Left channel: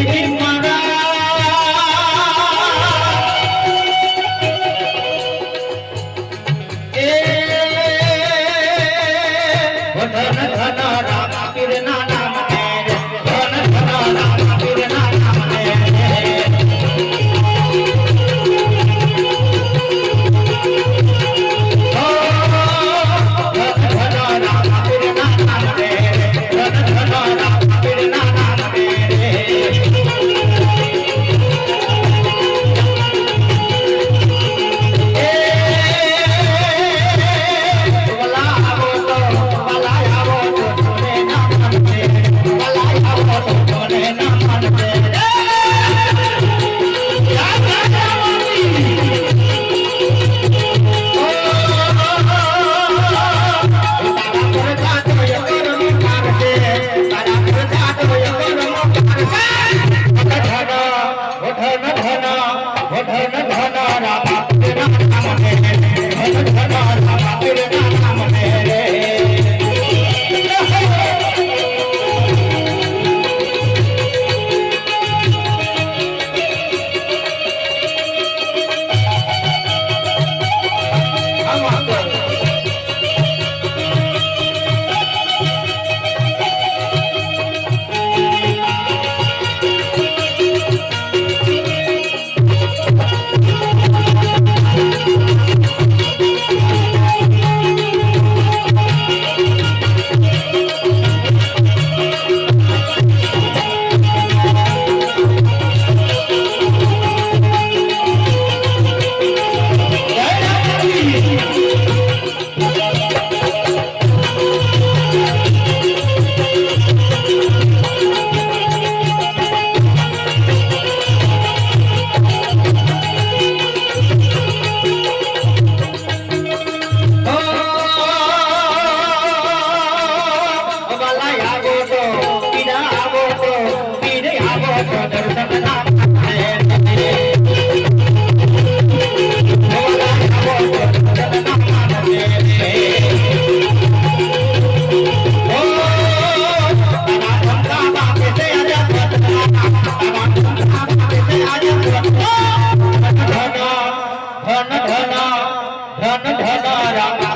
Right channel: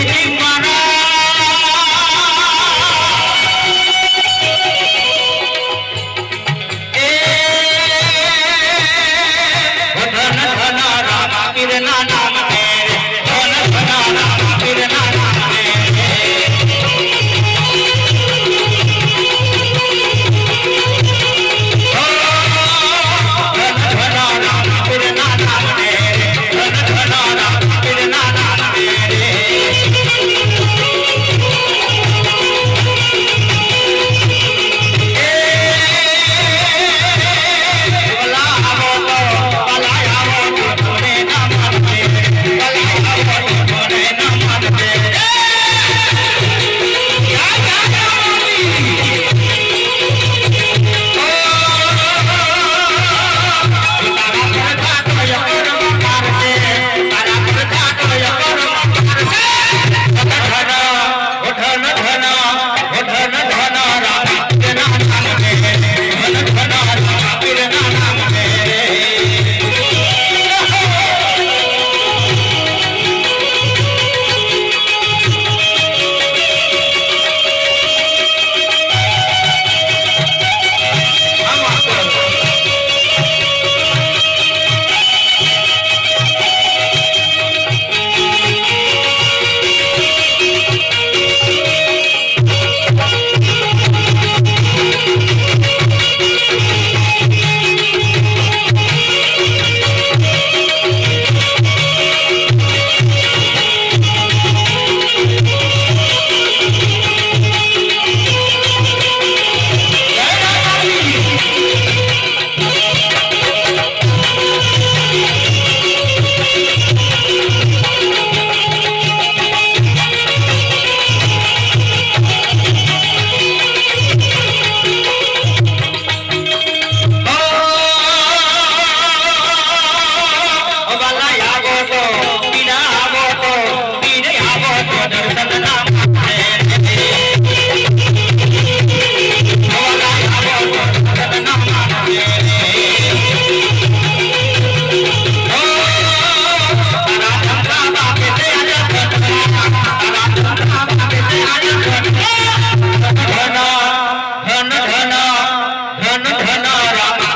I'm Vamos, Amado. तयाराधे तयारी रामा